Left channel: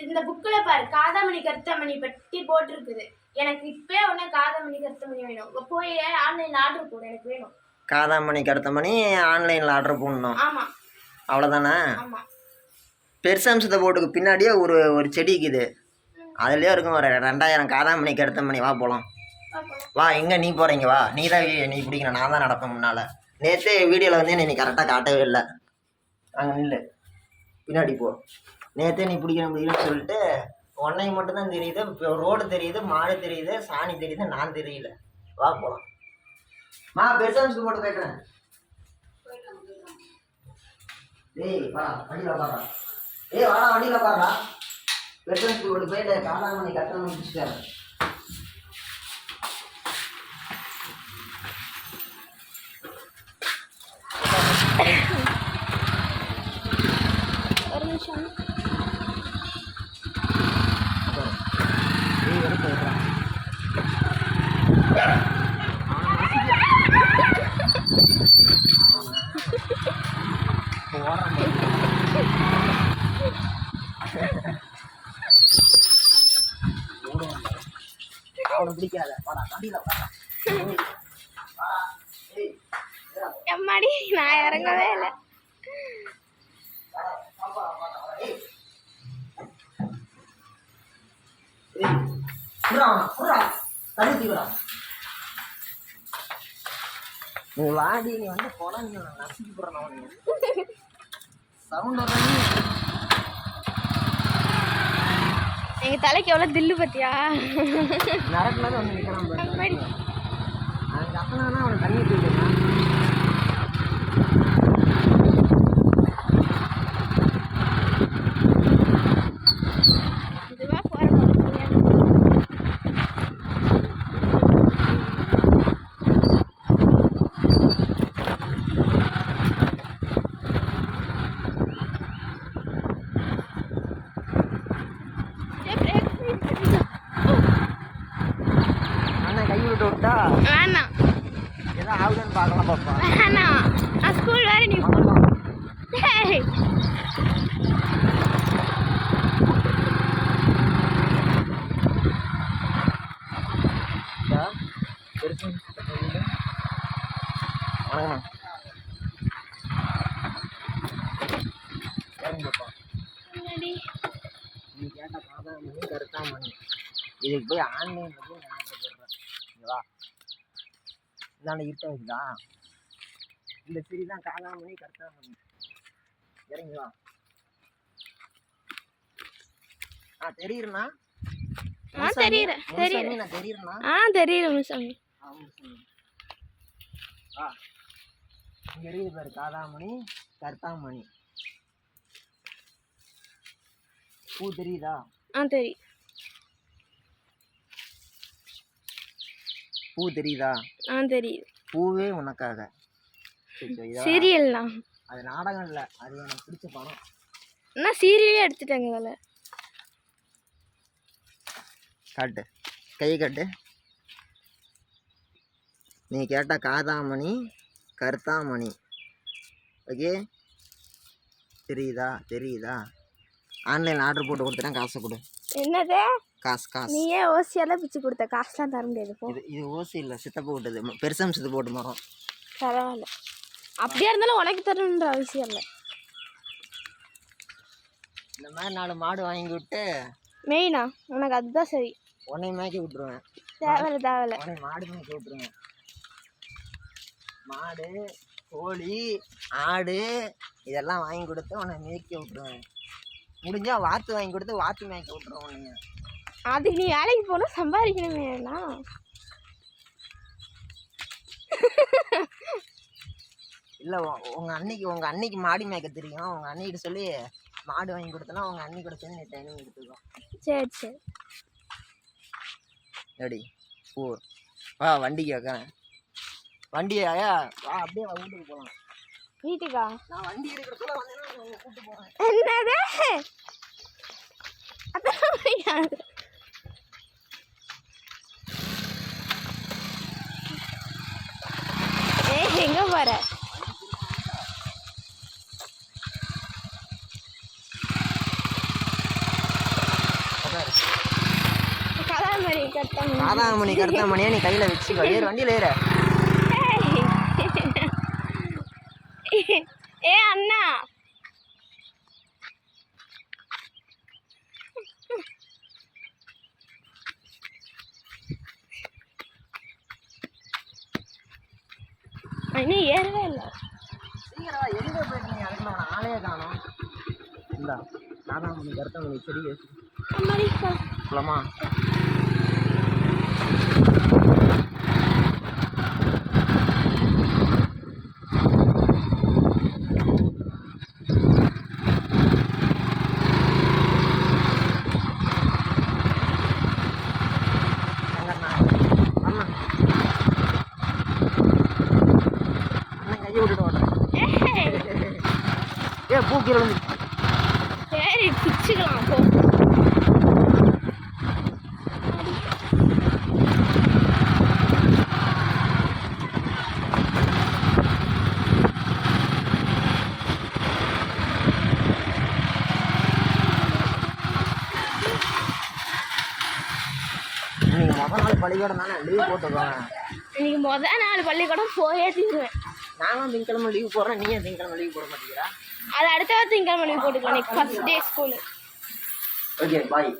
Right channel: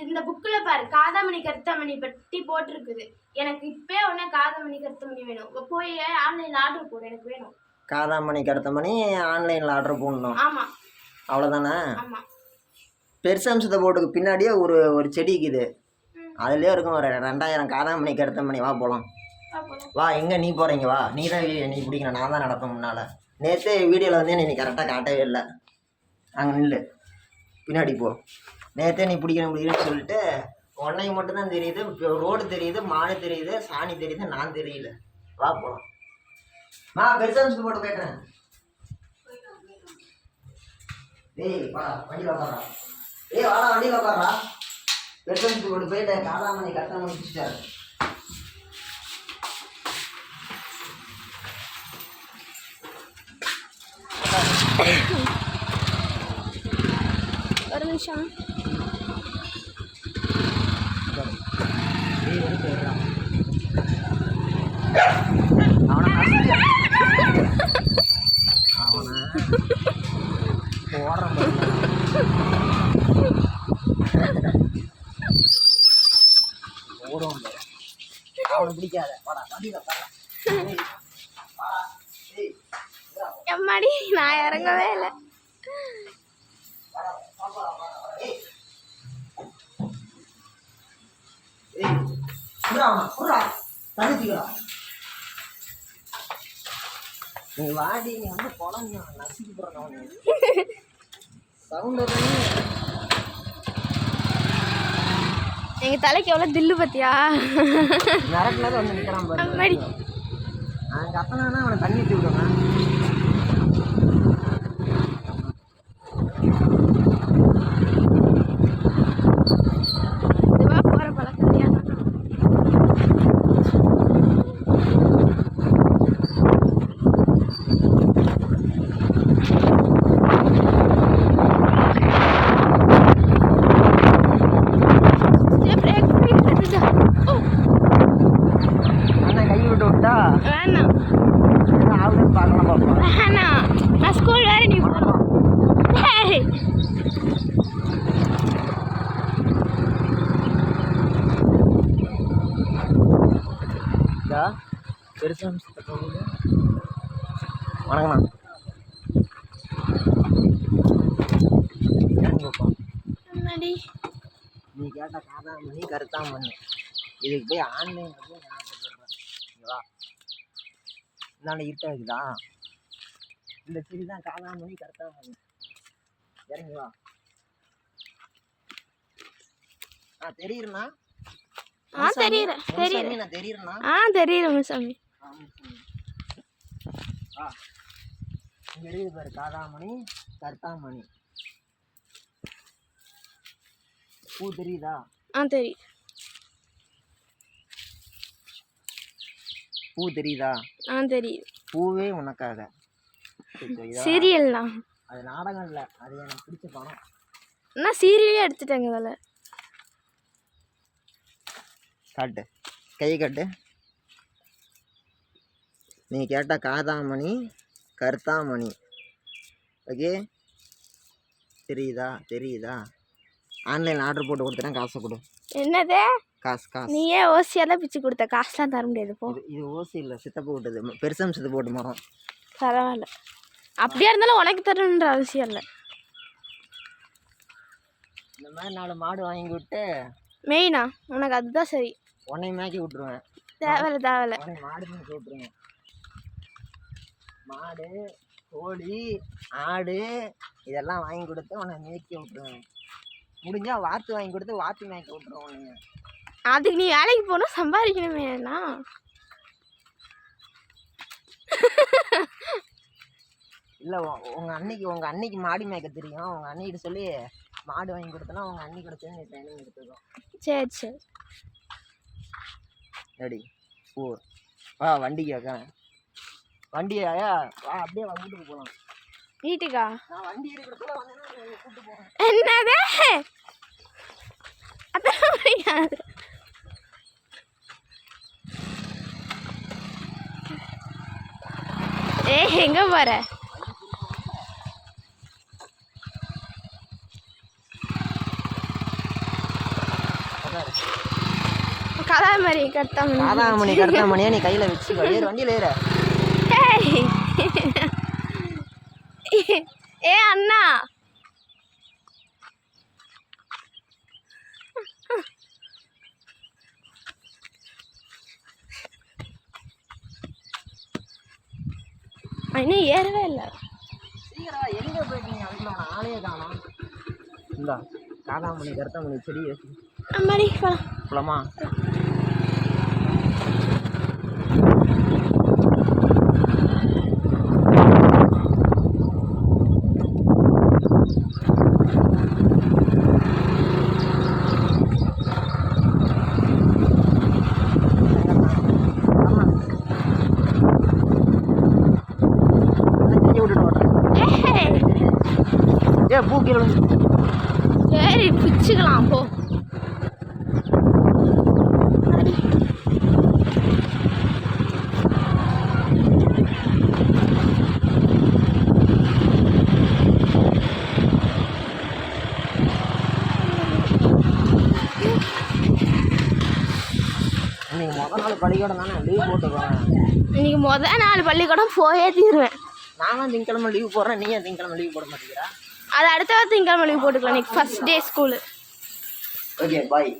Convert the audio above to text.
இந்த புக்கில் பாரு காதாமணி கருத்தாமணி பற்றி போட்டிருக்குது. எனக்கு இப்பே ஒன்றா காதாமணி கருத்தாமணி வேணும். போய் ஆன்லைனில் ஆர்டர் போடு எனக்கு வேணும். காதாமணிக்கு அடுத்த மணி ஆன்லைனில் ஆர்டர் போடணும் ஆமாம் அவ்வளோதானே ஆமாம் பெருசம்சத்தை போட்டுக்கு பின்னாடியே ஒரு ஒரு செடி இருக்குது அதுலேயே இருக்கும் ஒரு ரெண்டாயிரம் காதாமணிக்கு அடுத்த மணி வா போகலாம் வா எங்கே நீ போகிறீங்க வா. நீ தான் நீ பிடிக்கணும். நான் தான் நடப்பேன் முன்னால். நேற்று வீடியோவில் வந்து நீ கரெக்டாக காட்டவே இல்லை. அங்கே நில்லு. பின்னாடி போ. நேற்றே நீ பிடிக்கணும் முடியும்னு சொல்லிட்டு உன்னை மட்டும்தான் தெரியுது ரோடு தெரியுது மாடு தெரியுது சாணி தெரியுது நான் தெரியல. வா போகலாம் மா பெருசாக போட்டு போயிட்டேன் டேய் வா வண்டியில் உட்காரா ஏய் வாடா வண்டியில் உட்காரா பெருசாக போட்டு போயிட்டு காலாமணி கட்டணம் முடிச்சுட்டாரு. ஒரு நிமிஷம். பிடிக்காத. வாடா வண்டியில் வாடா. எம்மாடி நான் இறங்கவே இல்லை. வாடா நீ வாடி நீ வந்து போனா நீ நசுக்கி போடுறா நீ சவுண்ட் எங்கள் தலைக்கு எவ்வளோ தில்லு பத்தியா? நரக்குல வந்து நிற்கிறான் வணக்கம் அம்மாடி. நீ கேட்ட காதாமணி கருத்தாமணி இதுக்கு போய் ஆன்லைனில் போய் நான் போடுறேன் இங்க வா இந்தாண்ட இருட்டா இருக்குதா இந்த சிறி தான் காதாமணி கருத்தாமணி இறங்கி வா ஆ தெரியுறேண்ணா ஆ, தெரியுறேன், தெரியுறேன். நான் தெரியுறேண்ணா ஆ ஆ. இங்கே இருக்குது பாரு காதாமணி கருத்தாமணி. பூ தெரியுதா? ஆ தெரியும் பூ தெரியுதா? ஆ தெரியும் பூவே உனக்காக? சீரியல்லாம் அது நாடகம் இல்லை அது எனக்கு பிடிச்ச படம். நான் சீரியலே எடுத்துட்டேங்க வேலை காட்டு. கை காட்டு. நீ கேட்ட காதாமணி கருத்தாமணி. ஓகே? தெரியுதா? தெரியுதா? ஆன்லைன் ஆர்டர் போட்டு கொடுத்துட்டேன் காசை கொடு. என்னது? காசு காசு. நீயே ஓசியெல்லாம் பிச்சு கொடுத்த. காசுலாம் தர முடியாது போ. இது இது ஓசி இல்லை சித்தப்பா விட்டது. பெருசம் சித்து போட்டு மரம். பரவாயில்ல. அப்படியா இருந்தாலும் உனக்கு தரணுன்ற அவசியம் இல்லை. இந்த மாதிரி நாலு மாடு வாங்கி விட்டு மெயினா? உனக்கு அதுதான் சரி. உன்னை மேய்க்க விட்ருவேன் தேவையில்ல தேவையில்ல. உன்னை மாடு மேய்க்க விட்ருவேன் மாடு கோழி ஆடு இதெல்லாம் வாங்கி கொடுத்து உன்னை மேய்க்க விட்ருவேன் முடிஞ்சா வாத்து வாங்கி கொடுத்து வாத்து மேய்க்க விட்ருவேன் உன்னைய. அதுக்கு நீ வேலைக்கு போகணும் சம்பாதிக்கணுமே அண்ணா. இல்லை உங்கள் அன்னைக்கு உங்கள் அன்னைக்கு மாடு மேய்க்க தெரியும். உங்கள் அன்னைக்கிட்ட சொல்லி மாடு வாங்கி கொடுத்தனா உங்கள் அன்னைக்கு கூட சேர்ந்து ட்ரைனிங் எடுத்துக்கோ. சரி சரி. எப்படி ஓ வா வண்டிக்கு வைக்கிறேன். வண்டியா அப்படியே வந்துட்டு போகலாம் வீட்டுக்கா? நான் வண்டி இருக்கிறதுக்குள்ள வந்தேன்னா உன்னை கூப்பிட்டு போகிறேன் என்னது? முடியாது ஏ எங்க போற? காதாமணி கருத்தாமணி காதாமணி கருத்தாமணியை நீ கையில் வச்சுக்கோ. ஏறு வண்டியில் ஏறு ஏய். ஏ அண்ணா. அண்ணி ஏறவே இல்லை. சீக்கிரம் எங்கே போயிட்டீங்க? அதுக்குள்ள அவனை ஆளையே காணோம். இல்லை காதாமணி கருத்தாமணி செடி அம்மாடி வா. போலாமா ஏய். ஏ பூக்குறோம் சரி பிச்சுக்கலாம் போ. நீங்கள் முத நாள் பள்ளிக்கூடம் தானே லீவ் போட்டுக்கோங்க இன்னைக்கு முத நாள் பள்ளிக்கூடம் போயே தீருவேன். நானும் திங்கக்கிழமை லீவ் போடுறேன் நீ ஏன் திங்கக்கிழமை லீவ் போட மாட்டேங்கிறா? அது அடுத்த வாரம் திங்கக்கிழமை போட்டுக்கலாம். இன்னைக்கு first day school okay bye